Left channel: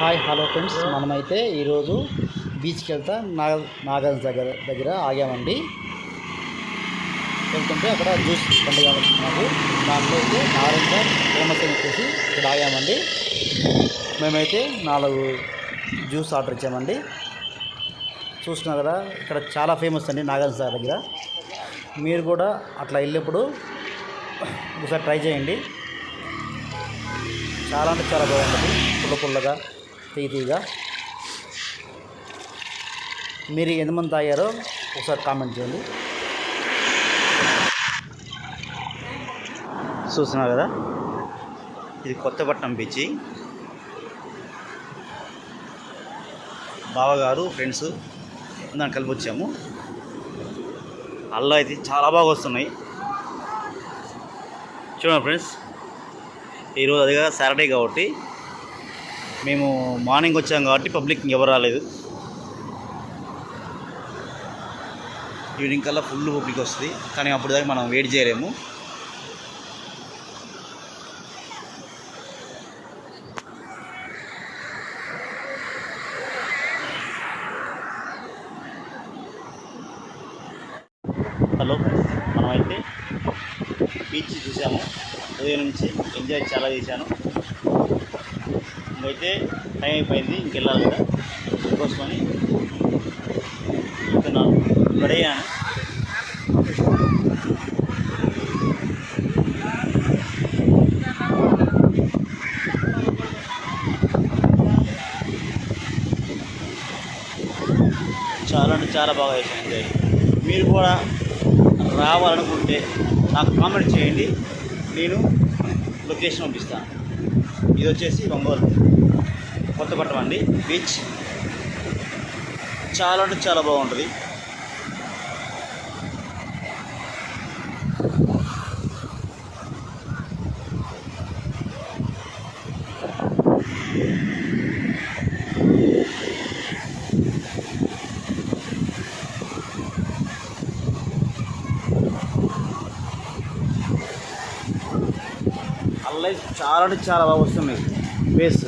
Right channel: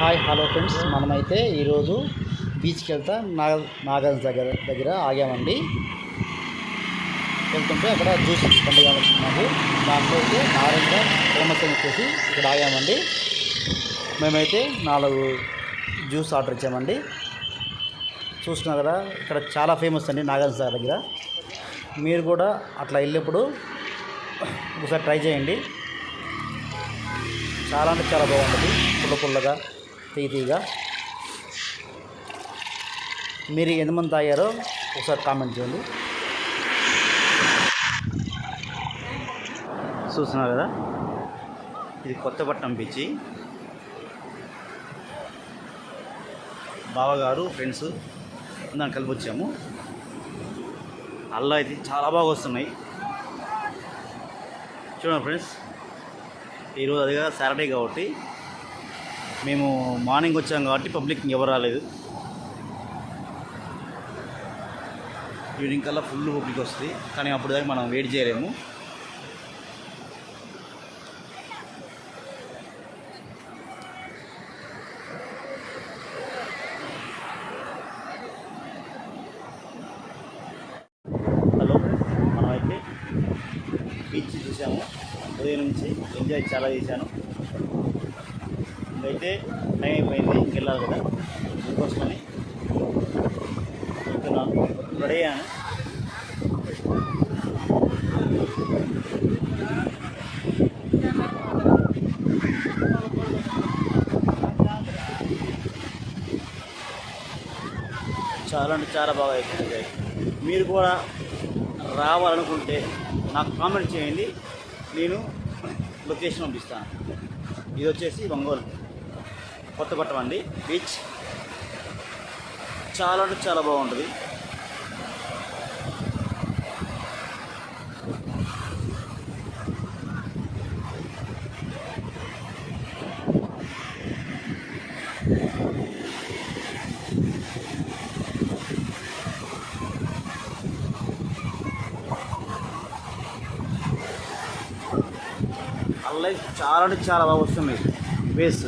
Hi hello friends, మనమైతే ఈరోజు బీచ్కి నాగల్స్ దగ్గర ఆగామండి. వెళ్తుంటే అక్కడ జ్యూస్ బండి కావాలనుకున్నాము. దాంట్లో అయితే నారింజ ఫేమస్ అని చెప్పేసి ఇక్కడ ఆగామండి. మేమైతే 4 జ్యూస్ ఆర్డర్ ఇచ్చామండి. చూస్తున్నారు కదా, ఇక్కడ చాలా ఫేమస్ అండి నాగల్స్ దగ్గర. మీరు కూడా అట్లా వెళ్ళినప్పుడు ఒకసారి ట్రై చేయండి. చాలా అంటే చాలా బాగుంటుంది, పుల్లగా తీయగా. మీరు ఎంతమంది తాగారో ఒకసారి కామెంట్ చేయండి. చూస్తున్నారు కదా, ఇది కొత్తపట్నం బీచ్. బావగారు ఫ్రెండ్స్ దాన్ని కలిపి వచ్చాము. అల్లా అయితే చాలా బాగా వస్తున్నాయి. చూడండి ఫ్రెండ్స్, ఈరోజు అదిగా సాటర్డే కాబట్టి మేము మార్నింగ్ వచ్చాం కాబట్టి పబ్లిక్ ఎవరు రాలేదు. ఈవినింగ్ కల్లా ఫుల్ పబ్లిక్ వస్తుంది, కానీ అప్పుడు దాకా మనం వెయిట్ చేయలేము. హలో ఫ్రెండ్స్, మనమైతే బీచ్ చూసాము. ఉదయం నుంచి ఎంజాయ్ చాలా చేశాను. ఇంకైతే టైం అయిపోయింది, ఇంకెళ్ళాలి కదా, అందుకోసమని చెప్తున్నాను. రెడీయాను. చాలా అంటే చాలా బాగా చేశాను ఎంజాయ్. మీరు కూడా రావాలనుకుంటే నాకు కామెంట్ చేయండి, నేను లొకేషన్ పంపిస్తాను. ఇది వచ్చేసి ఒంగోలు కొత్తపట్నం అండి బీచ్. చాలా అంటే చాలా బాగుంటుంది. అలా చాలా అంటే చాలా బాగా వస్తున్నాయి. బేస్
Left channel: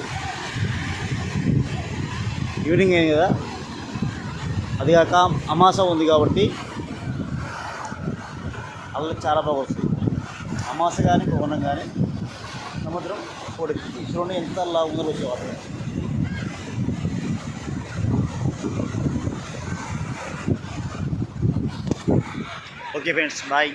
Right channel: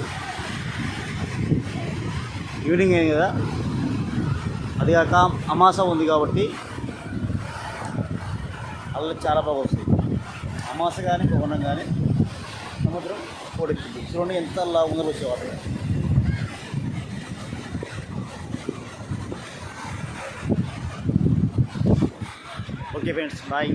ఈవినింగ్ అయింది కదా, అది కాక అమాస ఉంది కాబట్టి అలా చాలా బాగా వస్తుంది. అమాస కానీ పౌర్ణం కానీ సముద్రం పొడిచింది. చూడండి ఎంత అలా ఉందో వచ్చేవాళ్ళు. Okay friends, bye.